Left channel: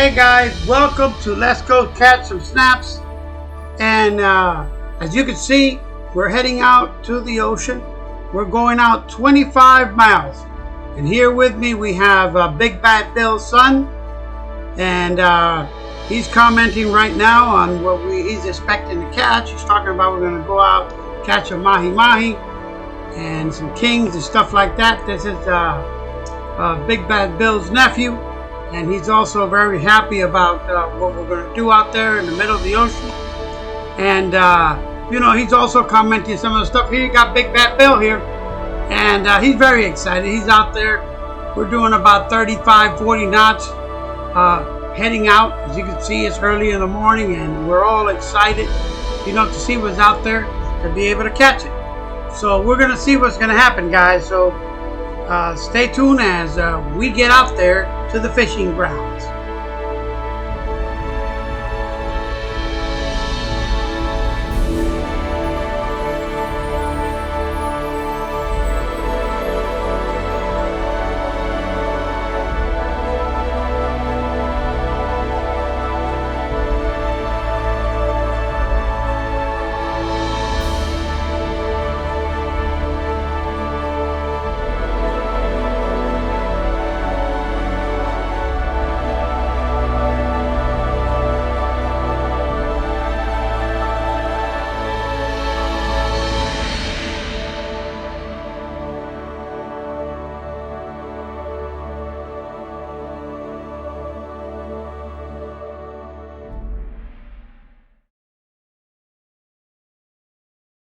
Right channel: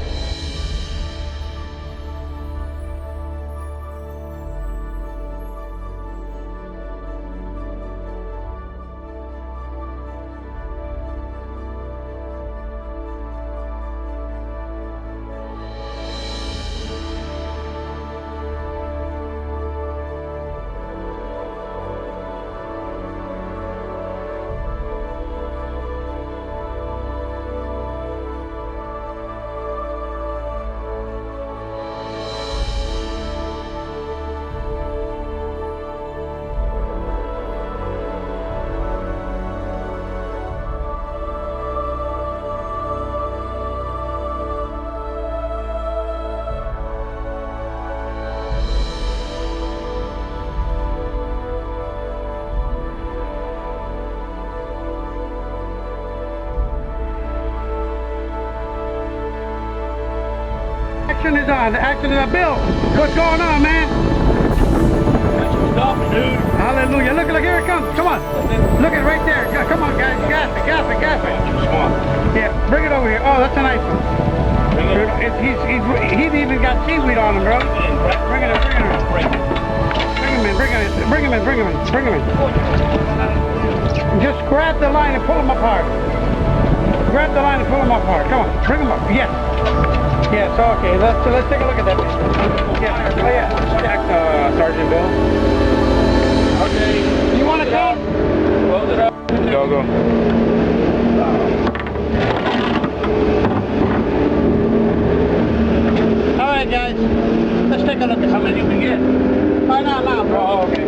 Hey guys, welcome to Let's Go Catch Some Snaps. And as you can see, we're heading out to the ocean. We're going out 25 miles. And here with me we have Big Bad Bill's son. And he's commenting right now on what he's expecting to catch. He's talking about we're going to go out, catch a Mahi and some kings and stuff like that. This is Big Bad Bill's nephew. And he's also very happy about what we're going to do out there in the middle of the ocean. And, he's also commenting some of the stuff. Here you got Big Bad Bill here. And he's very excited. He's out there. We're doing about 35, 40 knots heading out. As you can see, it's early in the morning and we're all excited, to see what's out there to be able to catch it. So we're going to see what's going to happen, guys. So stay tuned as we get out there to the fishing grounds. Action is on. Action is on. Bill, what's going on, man? Hallelujah. Look, here it comes. Come on. Look at right there. Come on, guys. Gas it. Yeah, bring it over here. Oh, that's a nice one. He's even got seaweed on him, bro. Bring him in. Just grab the line and pull him apart. Grab the line and pull him apart. Come on, bring him up. Yes. Yes, okay. Let's take a look at that. Yeah. Stack, Sergeant Bill. Okay. You want to go? Close it up. Go. Alright, guys. Let's take a look at how many we get. Right now, bro. Oh, okay.